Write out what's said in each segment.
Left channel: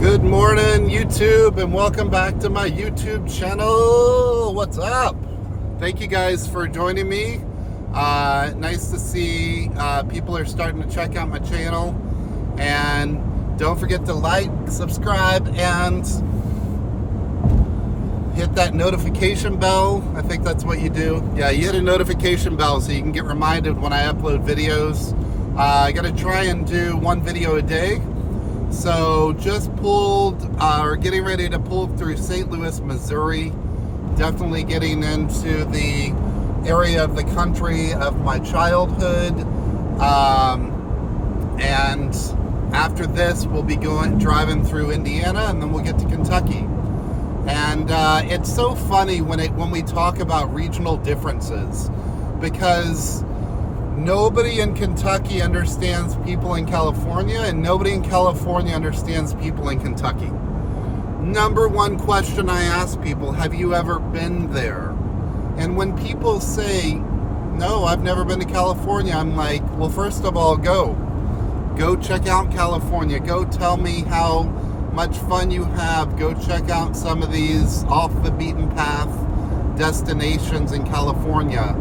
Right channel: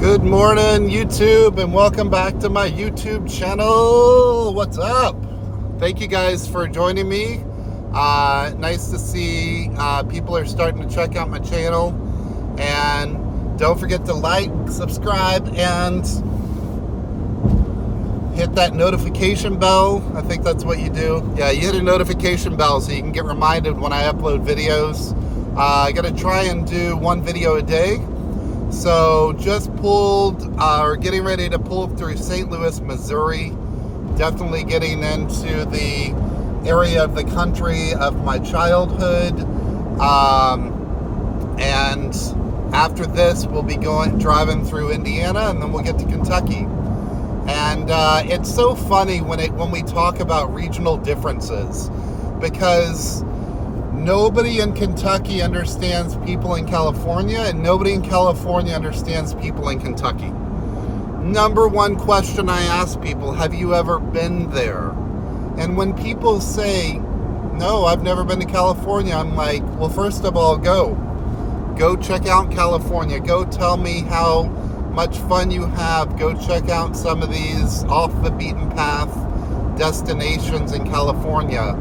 Good morning, YouTube, and welcome back to my YouTube channel. What's up? Thank you guys for joining me. Nice to see people are starting to check out my channel. And don't forget to like, subscribe, and hit that notification bell. I think that's what you do. Yeah, you hit a notification bell so you can get reminded when I upload videos. I gotta try and do one video a day. So just pulled, or getting ready to pull through St. Louis, Missouri. Definitely getting into the area of the country of my childhood. And after this, we'll be driving through Indiana, and then we'll get to Kentucky. And it's so funny when we talk about regional differences, because nobody in Kentucky understands people in California, and nobody in California understands people in Kentucky. Number one question I ask people, have you ever been there? And when people say, no, I've never been to California, I'm like, well, first of all, go check out California. Go tell me how much fun you have. Go check out some of these off the beaten path destinations in California.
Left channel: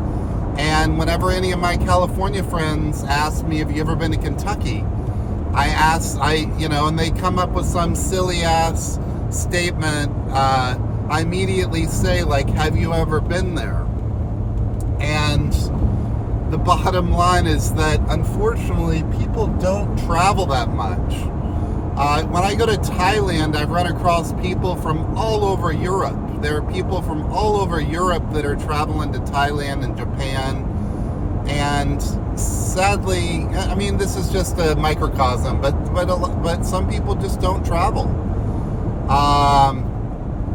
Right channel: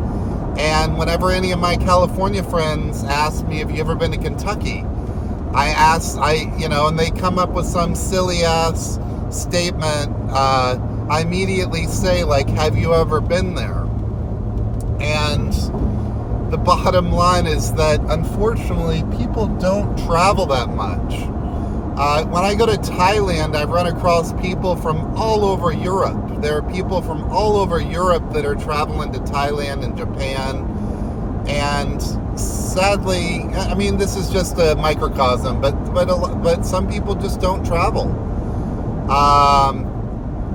And whenever any of my California friends ask me, have you ever been to Kentucky? And they come up with some silly ass statement. I immediately say, like, have you ever been there? And the bottom line is that, unfortunately, people don't travel that much. When I go to Thailand, I run across people from all over Europe. There are people from all over Europe that are traveling to Thailand and Japan. And sadly, I mean, this is just a microcosm, but some people just don't travel.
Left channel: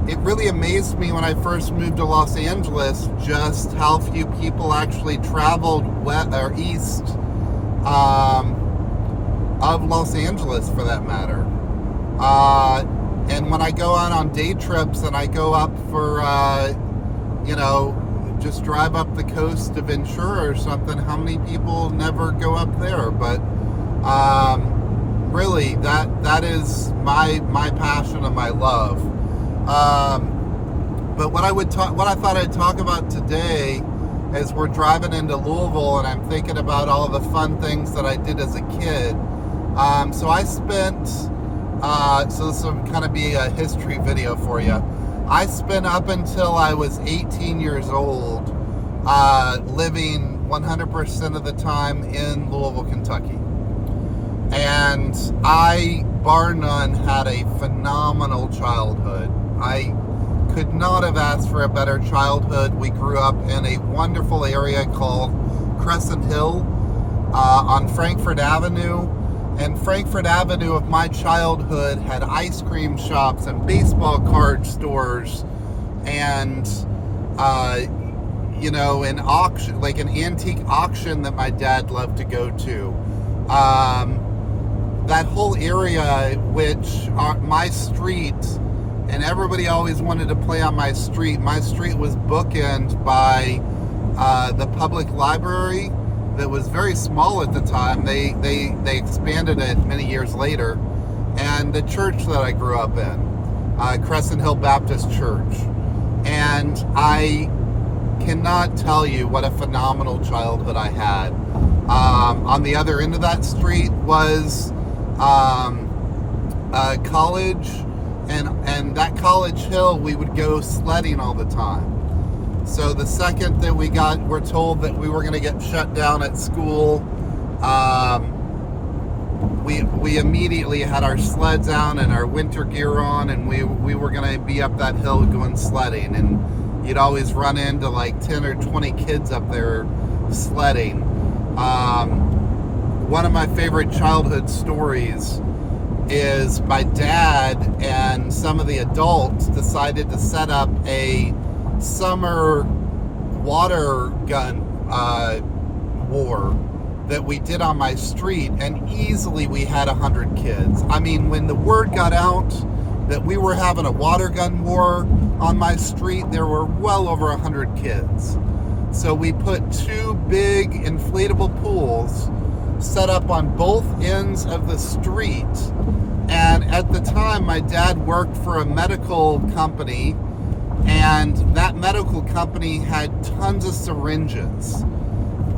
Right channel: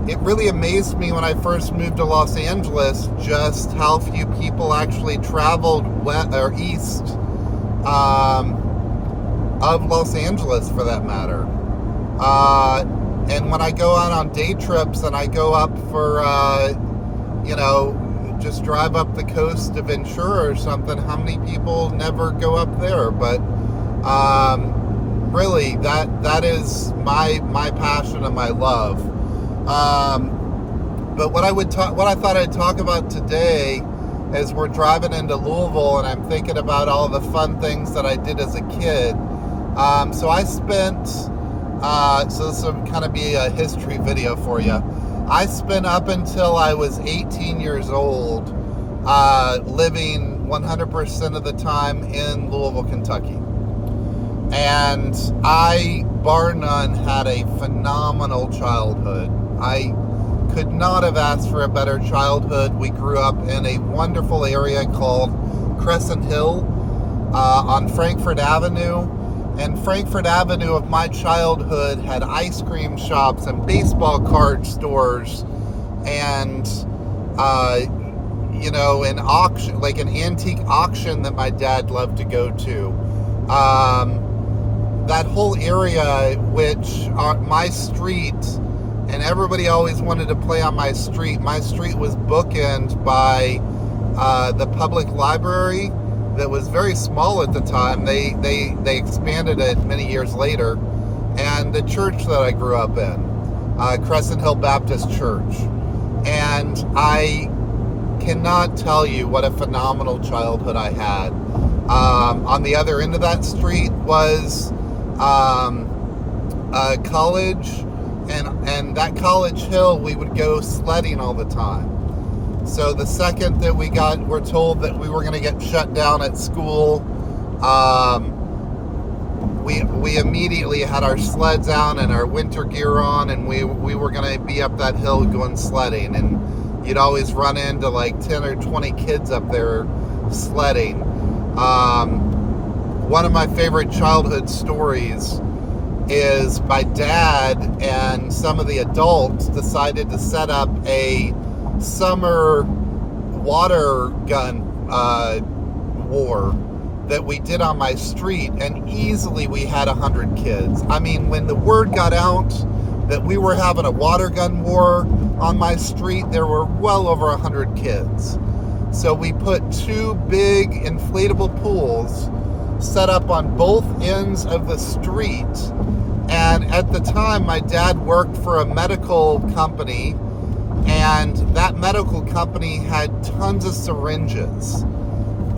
It really amazed me when I first moved to Los Angeles just how few people actually traveled west or east of Los Angeles, for that matter. And when I go out on day trips and I go up for, just drive up the coast of Ventura or something, how many people never go up there? But really, that is my passion and my love. But what I thought I'd talk about today is we're driving into Louisville, and I'm thinking about all the fun things that I did as a kid. So I spent, so this will kind of be a history video for you. I spent up until I was 18 years old, living 100% of the time in Louisville, Kentucky. And I, bar none, had a phenomenal childhood. I could not have asked for a better childhood. We grew up in a wonderful area called Crescent Hill on Frankfort Avenue. And Frankfort Avenue of my childhood had ice cream shops and baseball card stores and, an auction, like an antique auction that my dad loved to go to. That whole area, which my street, and everybody always wanted to play on my street. My street was bookended by the public library that was very small at the time. They expanded it many years later. And the church that I grew up in, Crescent Hill Baptist Church. And I cannot tell you what a phenomenal childhood I had. On the other end of that street was college, and that College Hill, we would go sledding all the time. So the second that we're told that we were going to get shut down at school, we immediately had our sleds out and our winter gear on, and we were going to be up that hill going sledding. And you'd always run into like 10 or 20 kids up there sledding. One of my favorite childhood stories is my dad and some of the adults decided to set up a summer water gun war that we did on my street, and easily we had 100 kids. I mean, when the word got out that we were having a water gun war on my street, there were well over 100 kids. So we put two big inflatable pools set up on both ends of the street, And at the time, my dad worked for a medical company, and that medical company had tons of syringes,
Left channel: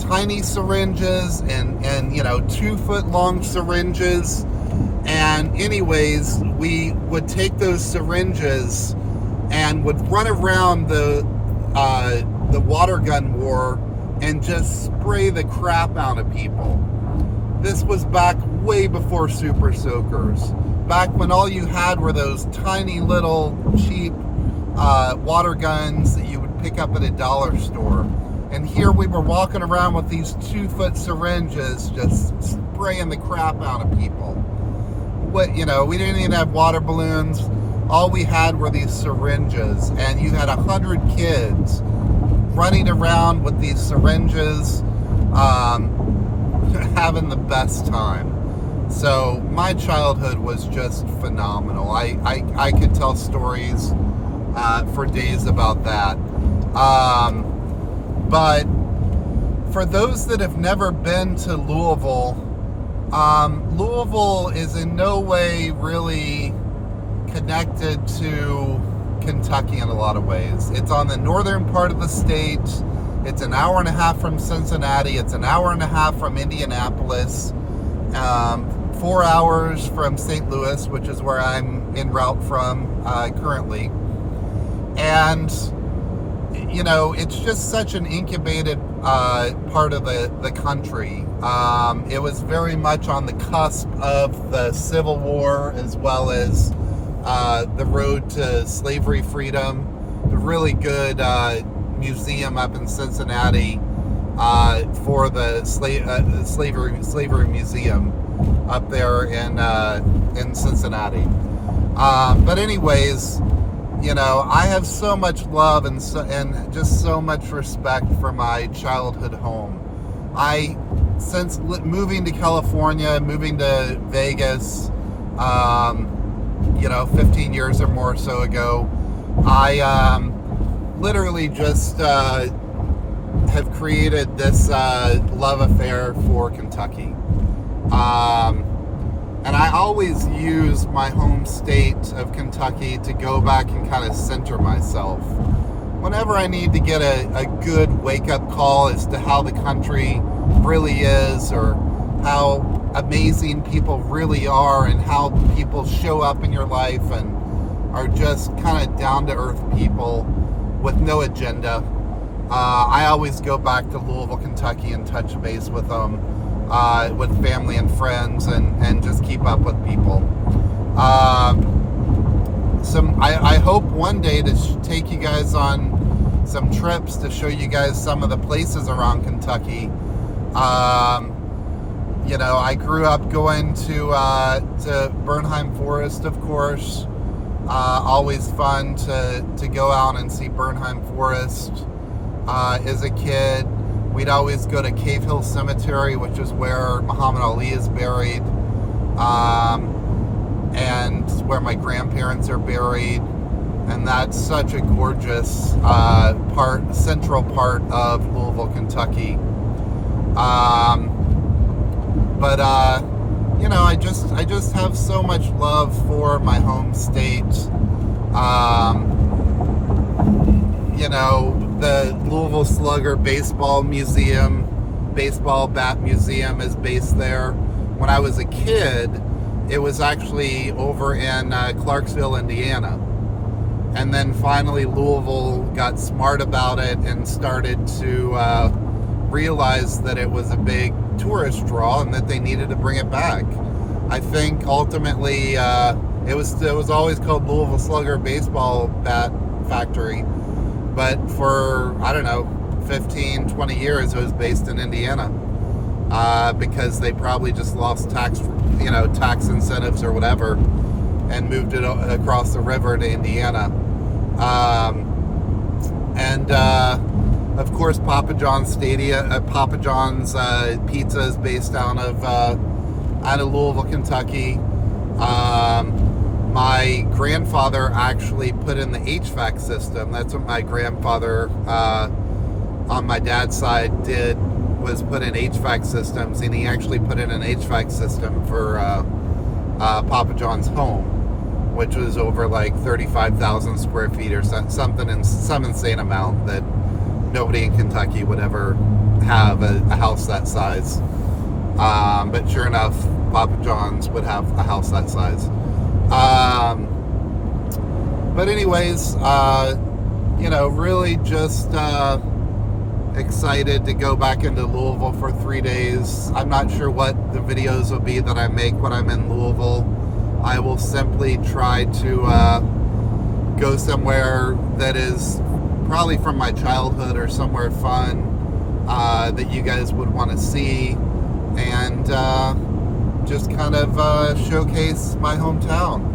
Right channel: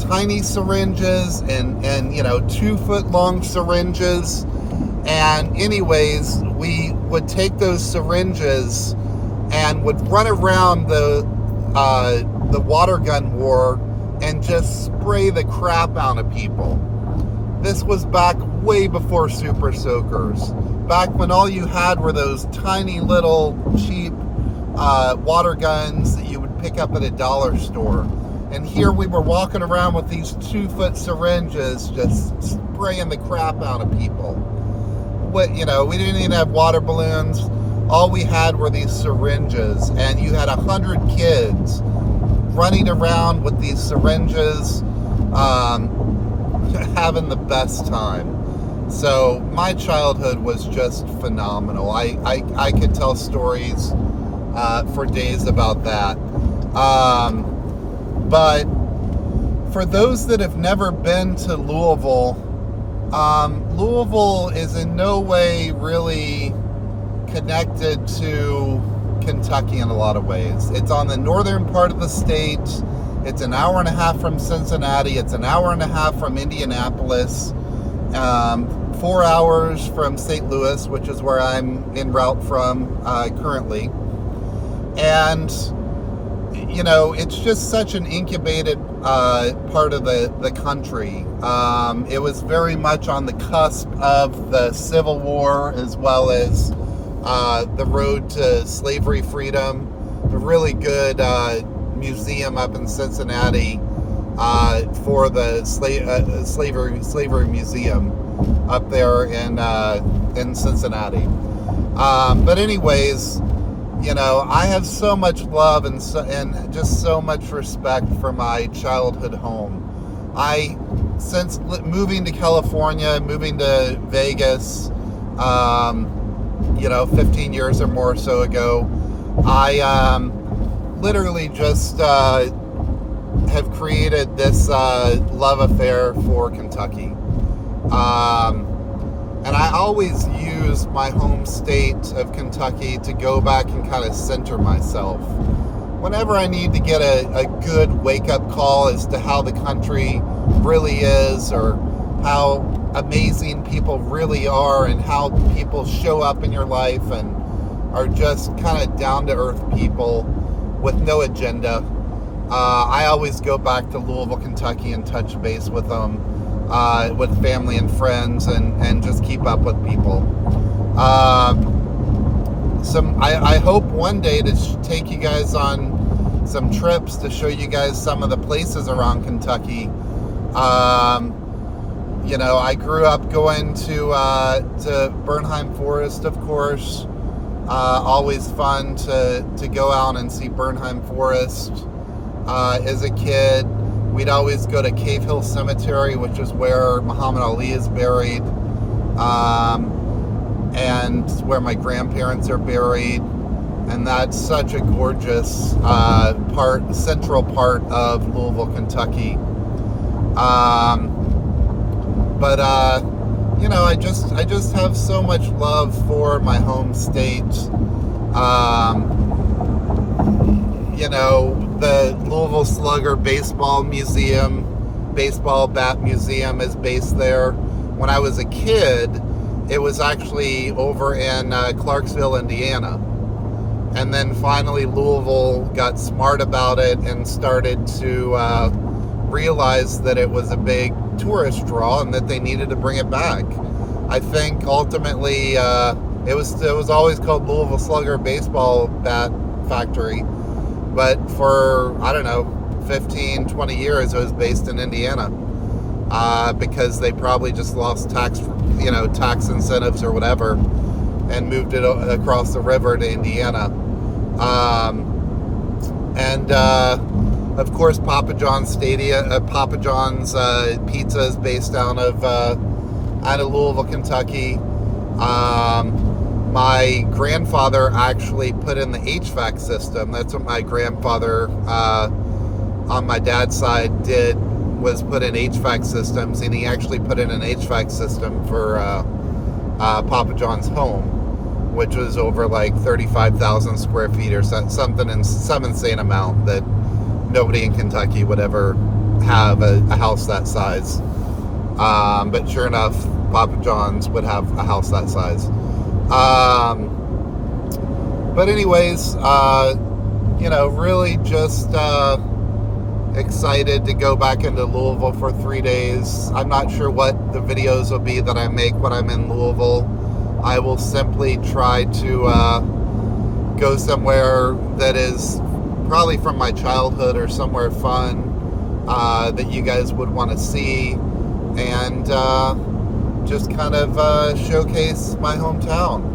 tiny syringes, and 2-foot long syringes. And anyways, we would take those syringes and would run around the water gun war and just spray the crap out of people. This was back way before Super Soakers, back when all you had were those tiny little cheap water guns that you would pick up at a dollar store. And here we were walking around with these 2-foot syringes just spraying the crap out of people. We didn't even have water balloons. All we had were these syringes, and you had 100 kids running around with these syringes, having the best time. So my childhood was just phenomenal. I could tell stories for days about that. But for those that have never been to Louisville, Louisville is in no way really connected to Kentucky in a lot of ways. It's on the northern part of the state. It's an hour and a half from Cincinnati. It's an hour and a half from Indianapolis. 4 hours from St. Louis, which is where I'm en route from currently. And, it's just such an incubated part of the country. It was very much on the cusp of the Civil War, as well as the road to slavery freedom. A really good museum up in Cincinnati for the slavery museum up there in Cincinnati. But anyways, I have so much love and just so much respect for my childhood home. Since moving to California, moving to Vegas, 15 years or more so ago, I literally just have created this love affair for Kentucky. And I always use my home state of Kentucky to go back and kind of center myself. Whenever I need to get a good wake-up call as to how the country really is, or how amazing people really are, and how people show up in your life and are just kind of down-to-earth people with no agenda, I always go back to Louisville, Kentucky and touch base with them, with family and friends, and just keep up with people. I hope one day to take you guys on some trips to show you guys some of the places around Kentucky. I grew up going to Bernheim Forest, of course. Always fun to go out and see Bernheim Forest. As a kid, we'd always go to Cave Hill Cemetery, which is where Muhammad Ali is buried, and where my grandparents are buried. And that's such a gorgeous central part of Louisville, Kentucky. I just have so much love for my home state. The Louisville Slugger Baseball Bat Museum is based there. When I was a kid, it was actually over in Clarksville, Indiana. And then finally Louisville got smart about it and started to realize that it was a big tourist draw and that they needed to bring it back. I think ultimately it was always called Louisville Slugger Baseball Bat Factory, but for 15, 20 years it was based in Indiana, because they probably just lost tax incentives or whatever, and moved it across the river to Indiana. Of course, Papa John's Pizza is based out of Louisville, Kentucky. My grandfather actually put in the HVAC system. That's what my grandfather on my dad's side did, was put in HVAC systems, and he actually put in an HVAC system for Papa John's home, which was over like 35,000 square feet or something, in some insane amount that nobody in Kentucky would ever have a house that size. But sure enough, Papa John's would have a house that size. But anyways, really just excited to go back into Louisville for 3 days. I'm not sure what the videos will be that I make when I'm in Louisville. I will simply try to go somewhere that is probably from my childhood or somewhere fun that you guys would want to see, and just kind of showcase my hometown.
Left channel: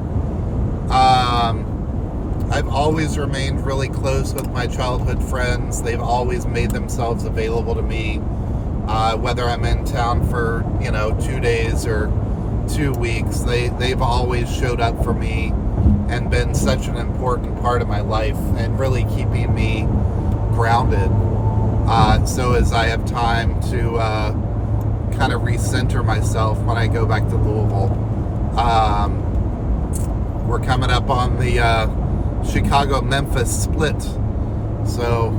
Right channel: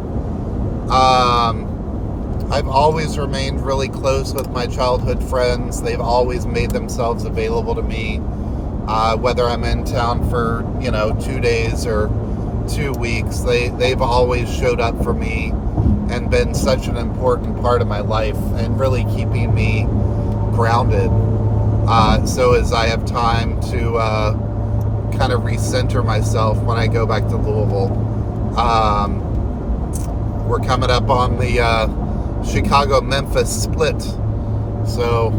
I've always remained really close with my childhood friends. They've always made themselves available to me, whether I'm in town for 2 days or 2 weeks. They've always showed up for me and been such an important part of my life and really keeping me grounded. So as I have time to kind of recenter myself when I go back to Louisville. We're coming up on the Chicago-Memphis split. So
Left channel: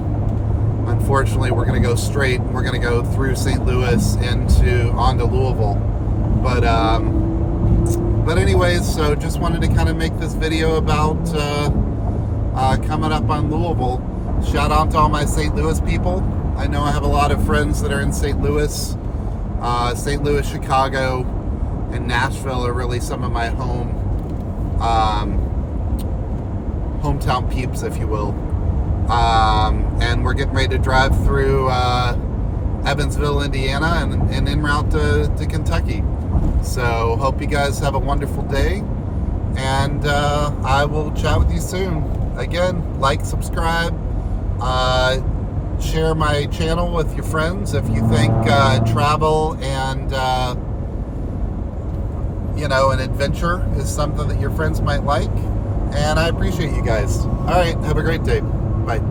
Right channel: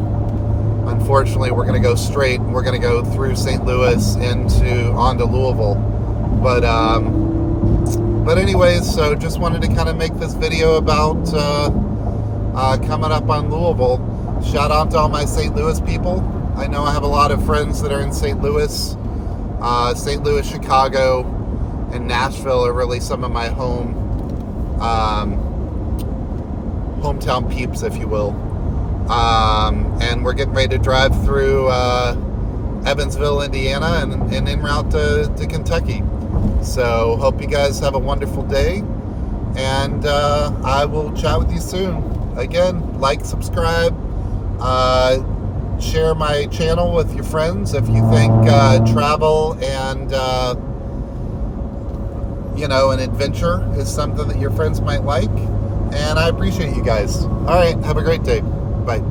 unfortunately we're going to go straight. We're going to go through St. Louis onto Louisville. But anyways, so just wanted to kind of make this video about coming up on Louisville. Shout out to all my St. Louis people. I know I have a lot of friends that are in St. Louis. St. Louis, Chicago, and Nashville are really some of my hometown peeps, if you will. And we're getting ready to drive through Evansville, Indiana, and en route to Kentucky. So hope you guys have a wonderful day, and I will chat with you soon. Again, like, subscribe, share my channel with your friends if you think travel and an adventure is something that your friends might like. And I appreciate you guys. All right, have a great day. Bye.